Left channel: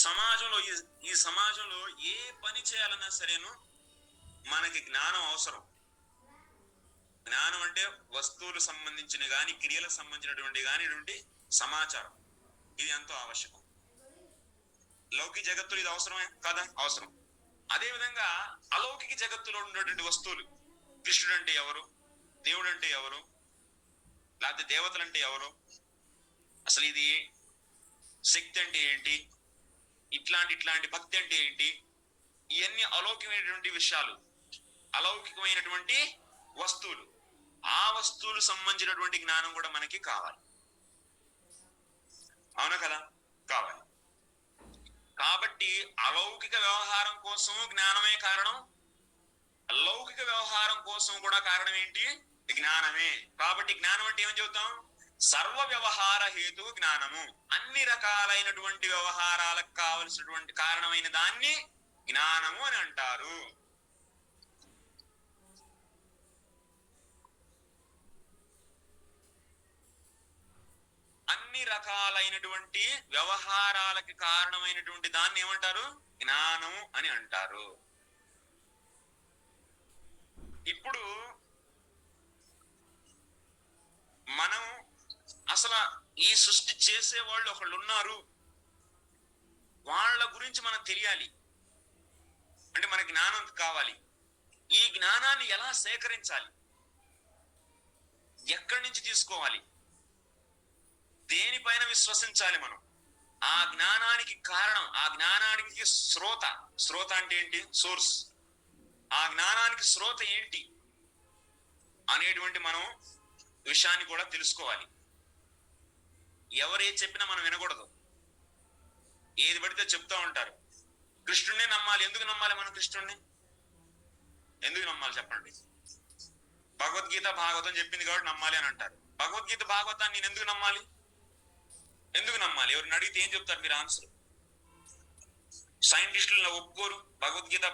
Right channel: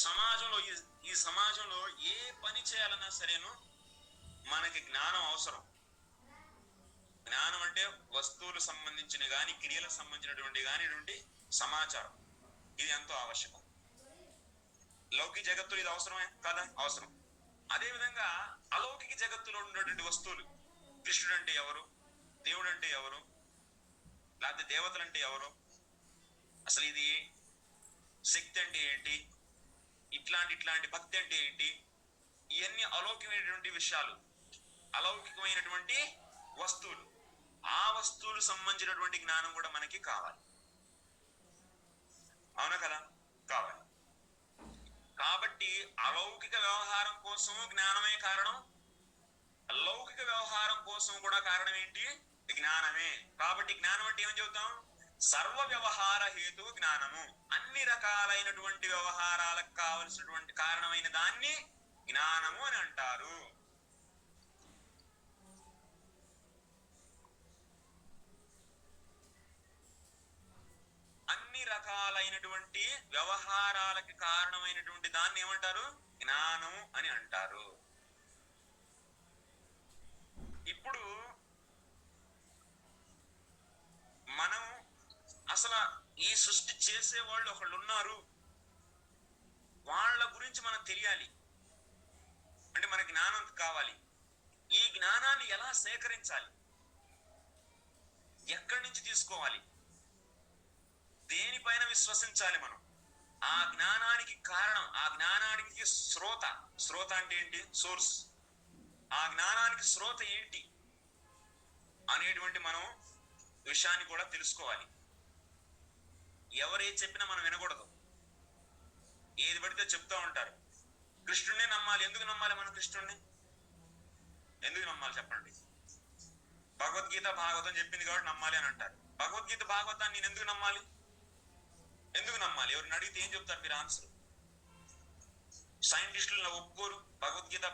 సమాజంలో ఈ సమాజంలో ఏ పని చేయాలన్నా సరేను మనకి జ్ఞానం అవసరం. జ్ఞానం అంటే వస్తువులకు సంబంధించిన గాని, క్రియలకు సంబంధించినటువంటి కానిటువంటి సమాచారం, ఇది ఎంతో ఆవశ్యకం. లౌకిక జగత్తులో ఇది అవసరమే కదా? అవసరం. అదే విధంగా అలౌకిక జగత్తులో ఉన్నటువంటి వస్తువులు, కృష్ణుడు అంటే ఎవరు, దేవుడు అంటే ఎవరు, లేకపోతే దేవతలు అంటే ఎవరు, అసలు ఇది శక్తి అంటే ఏంటి, ఇట్లాంటి భక్తి అంటే ఏంటి, ఇవన్నీ అలౌకికమైనటువంటి విషయాలు, అలౌకికమైనటువంటి వస్తువులు. ఆ వస్తువులు సంబంధించినటువంటి జ్ఞానం కూడా మనకి కావాలి. అవునా కదా? కావాలి. కాబట్టి అలౌకిక వ్యవహారం కోసం జ్ఞానమే కారణం, లౌకిక వ్యవహారం కోసం కూడా కారణం ఏంటి? జ్ఞానమే. కాబట్టి జ్ఞానం అంటే ఏమని చెబుతాం? సర్వ వ్యవహార హేతు జ్ఞానము. అన్ని రకాలైనటువంటి వ్యవహారాలకు కావలసినటువంటి కారణమైన దాన్ని జ్ఞానము అని అంటారు. అన్ని రకాలైనటువంటి వ్యవహారాలకి కారణమైనటువంటి దాన్ని ఏమంటారు? జ్ఞానము అని అంటారు. ఇప్పుడు మనం అసలు ఈ సృష్టి చేసే వాళ్ళు ఒకళ్ళు ఉన్నారు, వాళ్ళ గురించి మనకు తెలియాలి అంటే మన జ్ఞానం కావాలి. ఈ జ్ఞానాన్ని ఎలా సేకరించాలి, ఎక్కడి నుంచి తీసుకోవాలి, దేనిపైన విశ్వసించాలి మనం, ఆ జ్ఞానానికి కారణం, ఆ జ్ఞానానికి శ్రోత అంటే ఏంటి? సోర్స్. ఆ జ్ఞానానికి శ్రోత ఏంటి అనేటువంటి మనం విషయాన్ని కూడా తెలుసుకోవాలి. ఎవరేది చెప్పినా మనం వినకూడదు. ఏది పడితే చెప్తా ఉంటారు. కృష్ణుడినే నమ్మాలి. ఎందుకు నమ్మాలి మనం కృష్ణుడిని? ఎందుకు నమ్మాలి చెప్పండి? భగవద్గీత భాగవతం చెప్పింది కాబట్టి నమ్మాలి అని అంటారు. భగవద్గీత భాగవతాన్ని నేను ఎందుకు నమ్మాలి? ఎందుకు నమ్మాలి? ఎవరిని అడిగితే ఏం చెప్తారు మీరు ఆన్సర్? సైంటిస్టులు ఒప్పుకోరు భగవద్గీత